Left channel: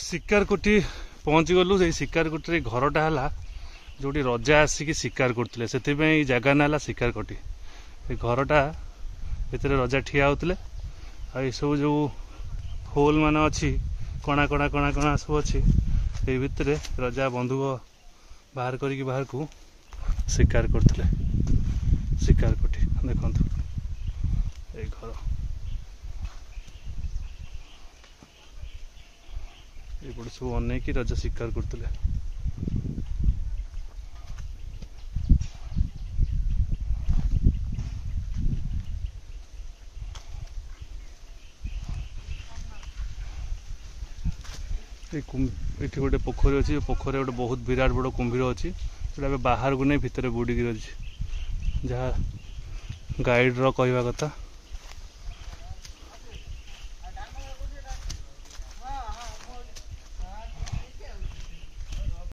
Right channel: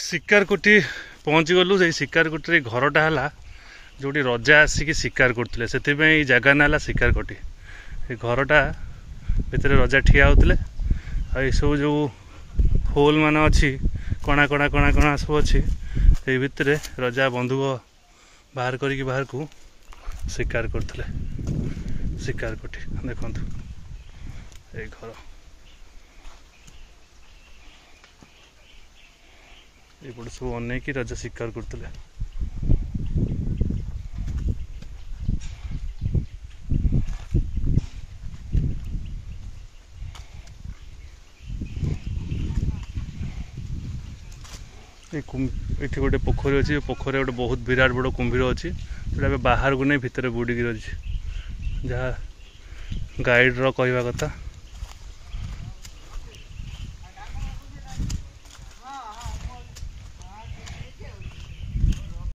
शिकारकोटी पहुँची गलु से शिकारकोटी घरटा है जो रजा आसिक शिकार करते से जगह ना शिकारकोटी घरटा भितर रजा ठिया होते सब जो होल मान अच्छी कणा कणा कणा कणा सब अच्छी ये भितर रजा बंधुक बाहर करके बाहर को शिकार करते शिकारकोटी देखु ये घर ये सब अनेक रजा शिकार करते ये गोटे पोखरी अच्छी पोखर गोटे बहुत विराट बड़ कुंभीर अच्छी जो बाहर को नहीं भितर बुड़ी अच्छी जहाँ गाइड रो कहवा कथा